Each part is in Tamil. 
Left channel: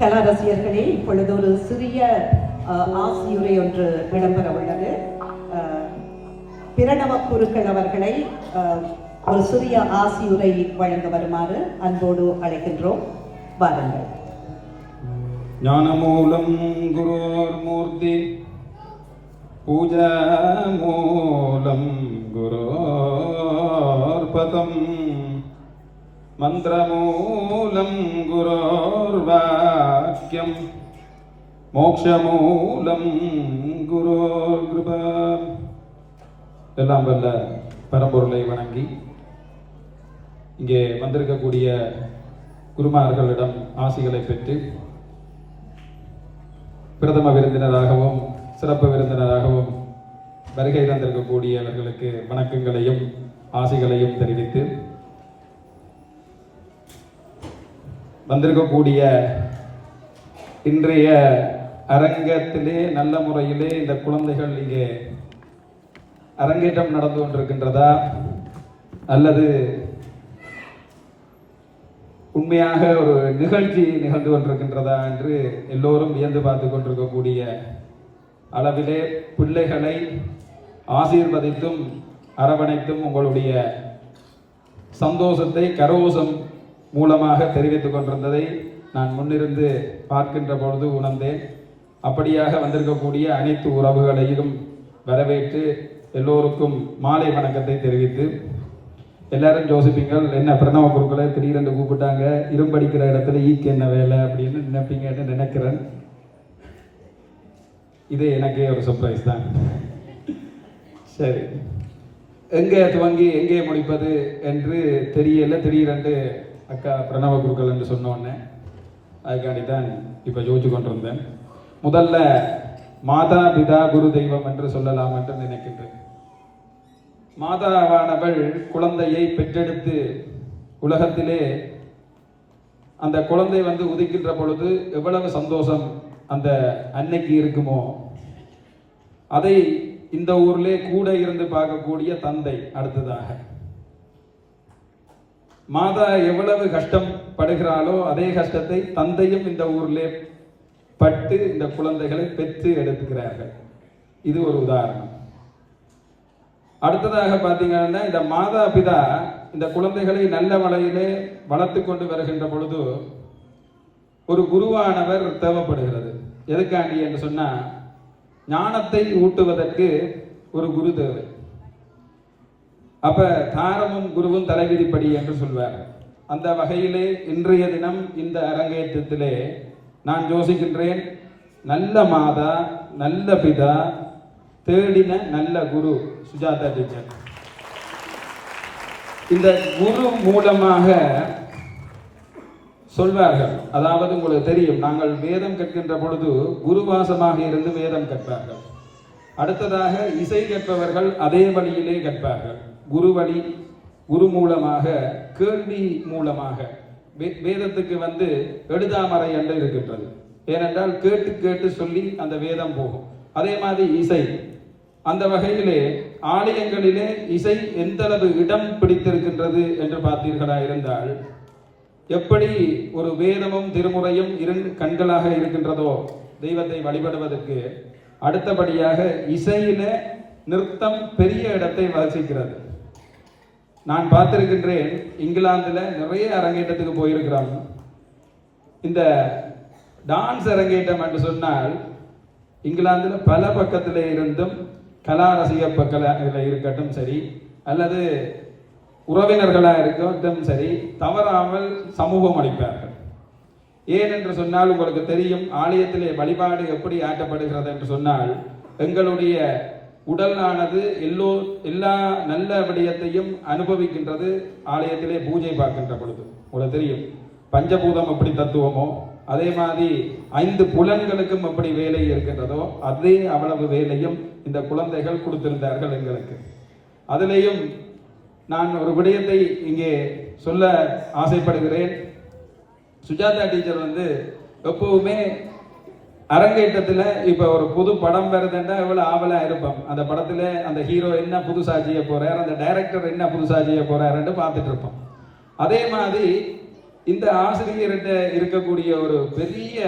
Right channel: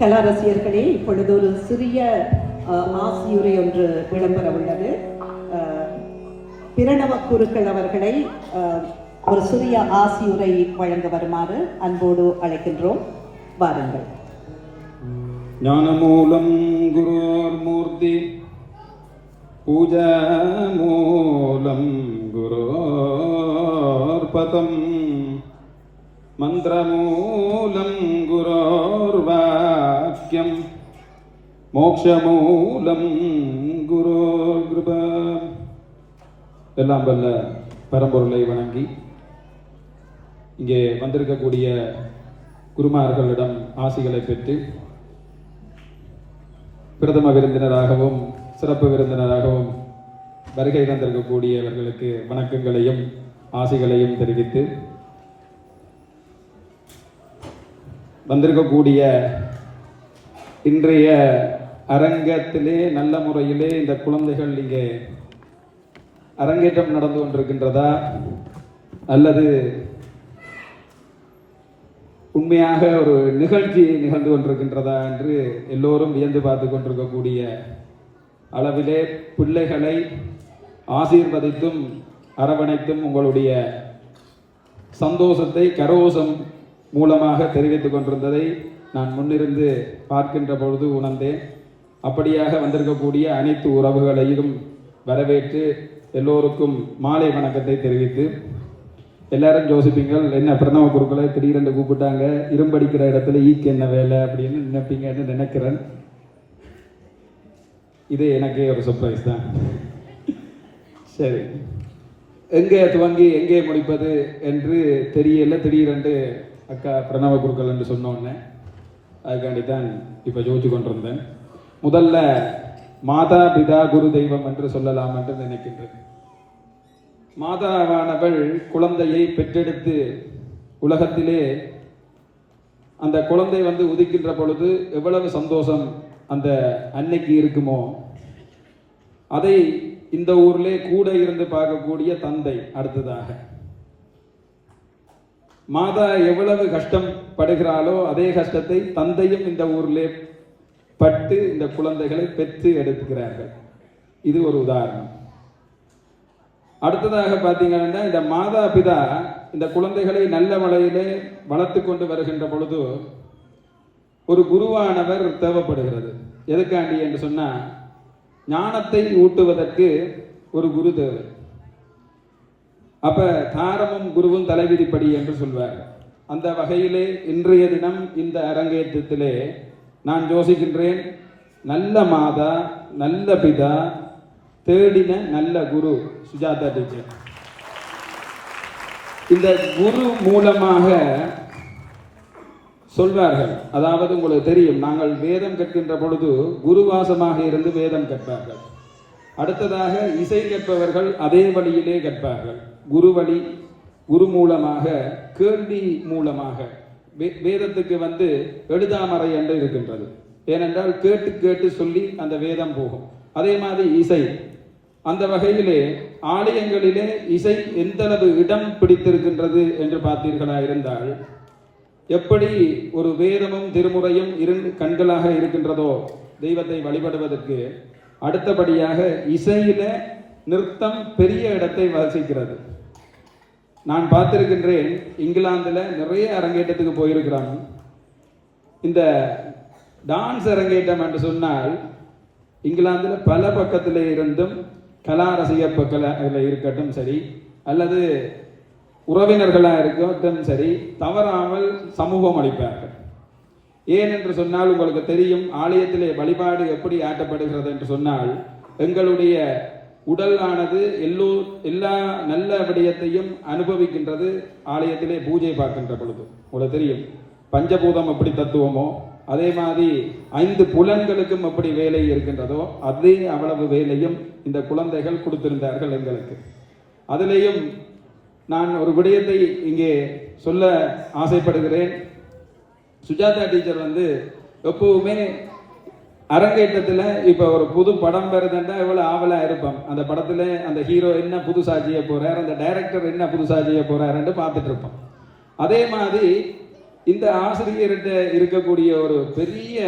கலா ரசிகர்களே இப்பொழுது ஒரு சிறிய ஆசியுரை ஒன்று விளம்பர உள்ளது பிரணவ குருக்கள் அவர்களை ஒரு சிறிய ஆசியுரை வழங்க வருமாறு அன்போடு அழைக்கின்றோம். வாருங்கள். ஞானமூலம் பூஜா மூலம் குரோர்பதம் மந்திரமூலம் குரோர்வாக்கியம் மோக்ஷமூலம் குரோர்கிருபா எல்லாம் வல்ல பரம்பொருளை வணங்கி இங்கே வந்திருக்கக்கூடிய குருமார்களிடம் ஆசிகளை பெற்று பிரதம விருந்தினராகவும் சிறப்பு விருந்தினராகவும் வருகை தந்திருக்கக்கூடியவர்களுக்கு வணக்கங்களையும் ஆசிகளையும் தெரிவித்து வந்திருக்கக்கூடிய இன்றைய அரங்கத்திலே நல்ல முறையிலே இந்த குழந்தைகள் இங்கே அரங்கேற்றம் நடந்து கொண்டிருக்கின்றதா? அல்லது உண்மையாக ஒரு நிகழ்ச்சி நிகழ்ந்து கொண்டிருக்கின்றதா என்று எல்லோரும் வியந்து பார்த்து கொண்டிருக்கக்கூடிய அளவிலே பிள்ளைகளை ஆசீர்வதித்தும் அரவணைத்தும் உங்களுடைய சந்தோஷத்தை கரோசம் மூலமாக தெரிவித்துக் கொண்டிருந்ததை நான் முன்னிருந்து பார்க்கின்ற பொழுது உணர்ந்தேன். அப்படியாக வந்திருக்கக்கூடிய அனைத்து உறவுகளையும் வரவேற்று எல்லோருக்கும் மாலை வணக்கத்தை தெரிவித்து எல்லாரும் யோசிப்பீங்கள் என்ன பிரணவ குருக்களை திடீரென்று கூப்பிட்டாங்க இரும்படிக்கிற இடத்துல ஈக்கு என்ன வேலை அப்படின்னு நினைப்பீங்கன்னு நினைக்கிறேன். இது எனக்கே ஒரு சர்ப்ரைஸ் தான். சரி. எங்கே துவங்கி எங்கே முடிப்பது என்று தெரியல திடீரென்று அக்கா பிரணவ குருக்கள் என்று சொன்னோன்னே. அதுக்காண்டி தான் இப்போ யோசிச்சு கொண்டிருந்தேன். முதல்ல மாதா பிதா குரு தெய்வம் என்று சொல்லலாம் என்று நினைக்கின்றேன். மாதாவானவள் குழந்தையை பெற்றெடுத்து உலகத்திலே அந்த குழந்தை வந்து உதிக்கின்ற பொழுது எவ்வளவு சந்தோஷம் அந்த அன்னைக்கு இருக்குமோ? அதை இந்த ஊர்லே கூட இருந்து பார்க்கக்கூடிய தந்தை அடுத்ததாக. மாதா எவ்வளவு கஷ்டம் படுகிறாளோ அதே கஷ்டத்தை தந்தையும் இந்த ஊரிலே பட்டு இந்த குழந்தைகளை பெற்று எடுத்துக்கிறார்கள். இது ஒரு உதாரணம். அடுத்ததாக பார்த்தீங்கன்னா இந்த மாதா பிதா இந்த குழந்தைகளை நல்ல வழியிலே வளர்த்து கொண்டு வருகின்ற பொழுது ஒரு குருவானவர் தேவைப்படுகிறது. எதுக்காண்டி என்று சொன்னால் ஞானத்தை ஊட்டுவதற்கு ஒரு குரு தேவை அப்ப தாரமும் குருவும் தலைவிதிப்படி என்று சொல்வார். அந்த வகையிலே இன்றைய தினம் இந்த அரங்கேற்றத்திலே நான் யோசிக்கின்றேன் நல்ல மாதா நல்ல பிதா தேடின நல்ல குரு சுஜாதா டீச்சர். இந்த குரு மூலமாக சொல்வார்கள் அதாவது உங்களுக்கு தெரியும் நாங்கள் வேதம் கற்கின்ற பொழுது குருவாசமாக இருந்து வேதம் கற்பார்கள். அடுத்ததாக இசை கற்பவர்கள் அதே வழியிலே கற்பார்கள். குரு வழி குரு மூலமாக கேள்வி மூலமாக. வே- வேதத்துக்கு வந்து எழுதாமறை என்று இருக்கின்றது. ஏனென்றால் கேட்டு கேட்டு சொல்லி அந்த வேதம் போகும். அதே மாதிரி இசை. அந்த வகையிலே ஆலயங்களிலே இசை எந்தளவு இடம் பிடித்திருக்கின்றது என்று பார்த்தீர்களா இருந்தால் எப்படி ஒரு வேதமும் திருமுறையும் இரண்டு கண்களாக இருக்கின்றதோ தெய்வத்தை வழிபடுவதற்கு அடுத்தபடியாக இசையில நிறுத்தம் பெரிய இடத்தை வசிக்கிறது. நான் பார்த்திருக்கின்றேன் இங்கிலாந்தில் நிறைய அரங்கேற்றத்துக்கு போயிருக்கிறாங்க. இந்த டான்ஸ் அரங்கேற்றம் என்று சொன்னால் இங்கிலாந்தில் பல பக்கத்தில் இருந்தும் கலா ரசிக பக்கத்தில் இருக்கட்டும் சரி அல்லது உறவினர்களாக இருக்கட்டும் சரி தவறாமல் சமூகம் அளிப்பார்கள். ஏன் என்று சொன்னால் உங்களுக்கு தெரியும் ஆலயத்திலே வழிபாடு எப்படி ஆட்டப்படுகிறது என்று சொன்னால் எங்களுடைய உடலானது எல்லோ எல்லா நல்ல விடயத்தையும் அனுபவிக்கின்றது ஆலயத்திலே பூஜை பார்க்கின்ற பொழுது. உங்களுக்கு தெரியும். பஞ்சபூதம் எப்படி தத்துவமோ அதே மாதிரி ஐந்து புலன்களுக்கும் எப்படி வேலை இருக்கின்றதோ அதே அவ்வளவு வேலையும் இந்த குழந்தைகள் கொடுத்திருந்தார்கள் எங்களுக்கு. அதிலேயும் நான் ஒரு விடயத்தை இங்கே சொல்ல ஆசைப்படுகிறேன். சுஜாதா டீச்சர் வந்து எப்பவுமே அரங்கேற்றத்தில் இப்போ ஒரு புது படம் வருதுன்னா எவ்வளோ ஆவலாக இருப்போம். அந்த படத்தில் அந்த ஹீரோ என்ன புதுசாக செய்ய போகிறார் அந்த டைரக்டர் என்ன புதுசாக செய்ய போறாருன்னு பார்த்துட்டு இருப்போம். அதே மாதிரி இந்த ஆசிரியர்கிட்ட இருக்கக்கூடிய ஒரு பெரிய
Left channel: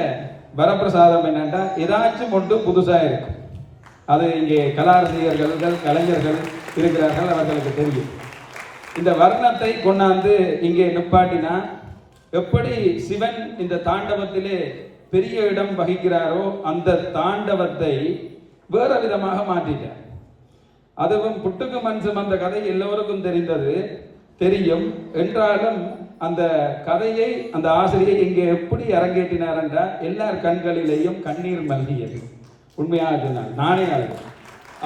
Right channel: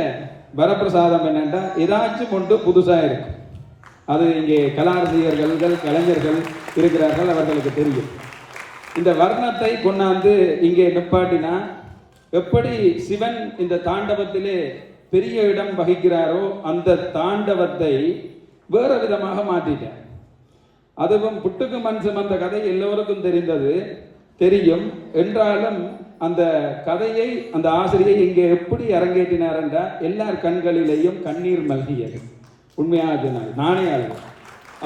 வரப்பிரசாதம் என்னென்னா ஏதாச்சும் ஒன்று புதுசாக இருக்கு. அது இங்கே கலாரசிகர்கள் கலைஞர்கள் இருக்கிறார்கள் அவர்களுக்கு தெரியும். இந்த வர்ணத்தை கொண்டாந்து இங்கே நிப்பாட்டினா எப்படி சிவன் இந்த தாண்டவத்திலே பெரிய இடம் வகிக்கிறாரோ அந்த தாண்டவத்தை வேற விதமாக மாற்றிட்டேன் அதுவும் புட்டுக்கு மண் சுமந்த கதை எல்லோருக்கும் தெரிந்தது. தெரியும். என்றாலும் அந்த கதையை அந்த ஆசிரியை இங்கே எப்படி அரங்கேற்றினார் என்றால் எல்லார் கண்களிலேயும் கண்ணீர் மல்கியது. உண்மையாக நானே அது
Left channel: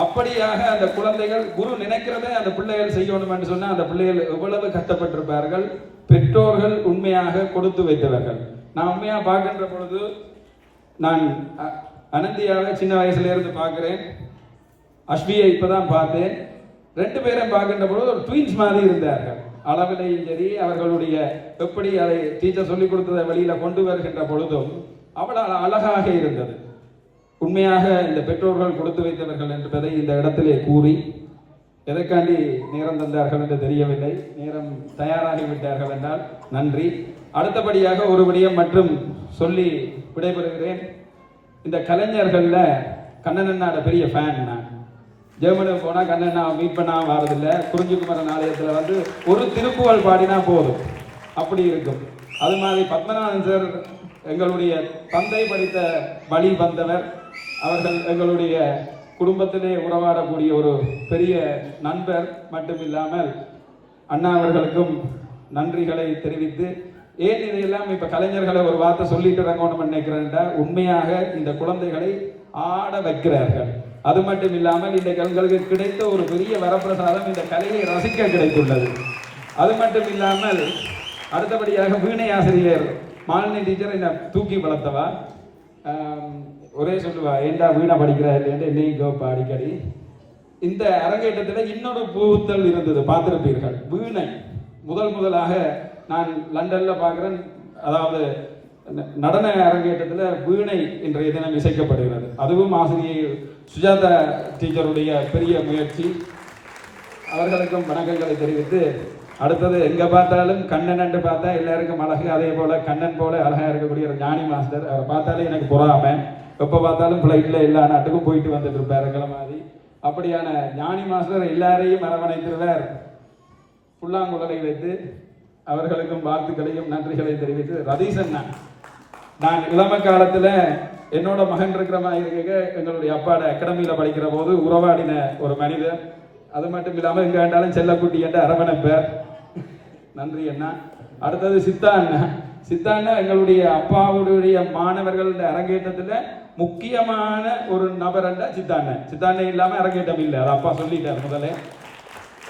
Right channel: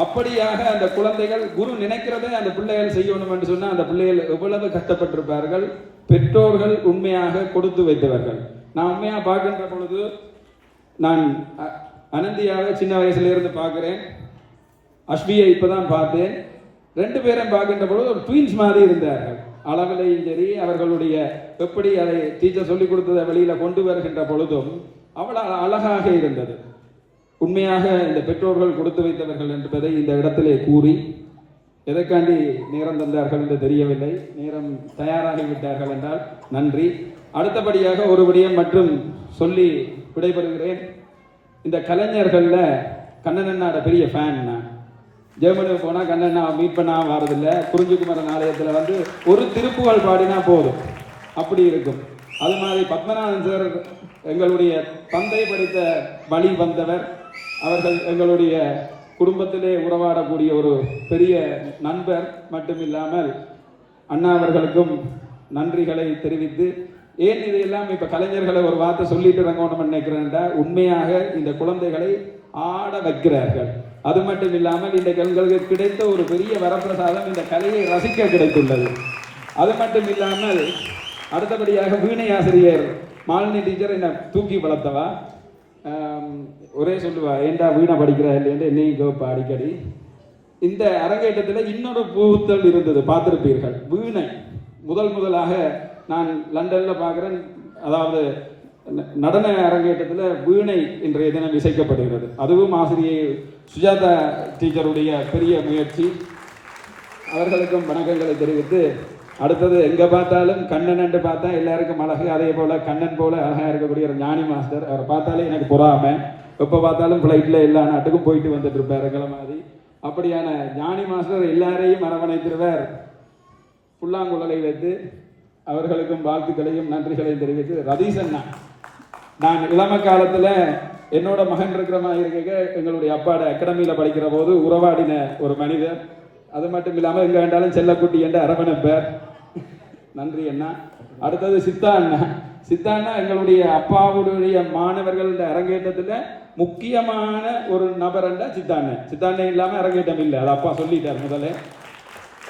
அப்படியாக அந்த குழந்தைகள் குரு நினைக்கிறதை அந்த பிள்ளைகள் செய்யணும் என்று சொன்னால் அந்த பிள்ளைகள் எவ்வளவு கஷ்டப்பட்டிருப்பார்கள்? பெற்றோர்கள் உண்மையாக கொடுத்து வைத்தவர்கள். நான் உண்மையாக பார்க்கின்ற பொழுது நான் அனந்தியாவை சின்ன வயசுல இருந்து அஸ்வியை இப்போ தான் பார்த்தேன். ரெண்டு பேரும் பார்க்கின்ற பொழுது ஒரு ட்வீன்ஸ் மாதிரி இருந்தார்கள். அளவிலையும் சரி அவர்களுடைய எப்படி அதை டீச்சர் சொல்லிக் கொடுத்ததை வெளியில் கொண்டு வருகின்ற பொழுதும் அவ்வளோ அழகாக இருந்தது. உண்மையாக இந்த பெற்றோர்கள் கொடுத்து வைத்தவர்கள் என்பதை இந்த இடத்திலே கூறி எதற்காண்டி நேரம் தந்தார்கள் என்று தெரியவில்லை. நேரம் தயாராகிவிட்டார்கள் என்றால் நன்றி. அடுத்தபடியாக ஒரு விடயம் மற்றும் சொல்லி விடைபெறுகிறேன். இந்த கலைஞர்களில் கண்ணனண்ணாட பெரிய ஃபேன் நான். ஜெர்மனுக்கு போனால் கண்ணன் மீட் பண்ணா வரதில்லை. குறிஞ்சிக்குமரன் ஆலயத்தில் வந்து ஒரு திருப்புகழ் பாடினா போதும். அப்படி இருக்கும். அது மாதிரி பத்மநாதன் சார் எங்களுடைய தந்தை படித்த வழி வந்தவர் அவர்கள் எங்களுடைய குடும்பத்திலே உறவாடக்கூடிய ஒரு பெரிய நண்பர் மட்டும் இல்லாமல் அண்ணா அவர்களுக்கும் நன்றிகளை தெரிவித்து ஏன் இதையெல்லாம் இப்ப கலைஞர்களை ஒரு வார்த்தை சொல்லிட்டு இறங்கணும் நினைக்கிறேன்டா உண்மையாக இந்த குழந்தைகளை ஆட வைக்கிறார்கள். அது மட்டும் இல்லாமல் இந்த எங்களுக்கு கிடைத்த ஒரு பெரிய வரப்பிரசாதம் இந்த கலையை ரசிக்க கிடைத்துள்ளது. அது மட்டும் இல்லாமல் அடுத்தபடியாக வீணை ஆசிரியர் மாலினி டீச்சர் என்னை தூக்கி வளர்த்தவா? ஒரே சொல்லுவா ஏண்டா வீணை படிக்கிறா? இல்லைன்னு என்னையும் கேப்பா அடிக்கடி. இந்த அரங்கேற்றத்தில் இன்னொரு புகுத்தல் இருந்தது பார்த்திருப்பீர்கள். வீணை முதல் முதலாக நான் லண்டனில் பார்க்குறேன். அதாவது ந- நடன அரங்கேற்றத்தில் வீணை இன்றைய தினம் இசைக்கப்படுகிறது. அதுவும் ஆசிரியை சுஜாதா டீச்சருடைய பெரிய முயற்சி. அவர்களுக்கும் வணக்கங்களை தெரிவித்து அடுத்தது எங்கே பார்த்தாலும் கண்ணன் என்று பார்த்தா எல்லாருக்கும் அழகு. அதே போல் கண்ணன் போல அழகாக இருக்கக்கூடிய ஒரு ஞானி மாஸ்டர். அவரை பார்த்தாலே எனக்கு பொறாமை. எப்போ பார்த்தாலும் ஃப்ளைட்டில் எல்லா நாட்டுக்கும் போயிட்டு வந்துட்டு இருப்பார் எங்களை மாதிரி அப்படியான ஞானி மாஸ்டர் எல்லாரையும் அரவணைத்திருவர் புல்லாங்குழலை வைத்து அவர்களுக்கும் வாழ்த்துக்களையும் நன்றிகளையும் தெரிவித்து ரதீஷ் அண்ணா நான் இளம காலத்துல என்னோட மகன் இருக்கிற மாதிரி இருக்க எங்களுடைய அப்பாட அகாடமியில படிக்கிற போது உறவாடின ஒரு மனிதர். அது மட்டும் இல்லாமல் எங்க வேண்டாலும் செல்லக்குட்டி என்ற அரவணைப்பர் நன்றி அண்ணா. அடுத்தது சித்தா அண்ணா. சித்தா அண்ணா எங்களுடைய அப்பாவுடைய மாணவர்கள் அரங்கேற்றத்துல முக்கியமான ஒரு நபர் என்றா சித்தா அண்ணன் சித்தா அண்ணன் இல்லாம அரங்கேற்றம் இல்லை. அது அப்பா சொல்லிட்டார் முதல்ல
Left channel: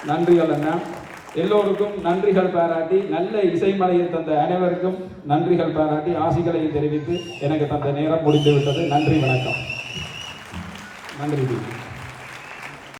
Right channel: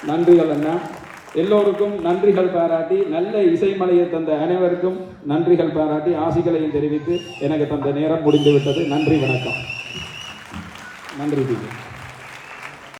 நன்றிகள் அண்ணா. எல்லோருக்கும் நன்றிகள் பாராட்டி நல்ல இசைமலையை தந்த அனைவருக்கும் நன்றிகள் பாராட்டி ஆசிகளையும் தெரிவித்து எனக்கு தந்த நேரம் முடிந்துவிட்டது. நன்றி வணக்கம். நன்றி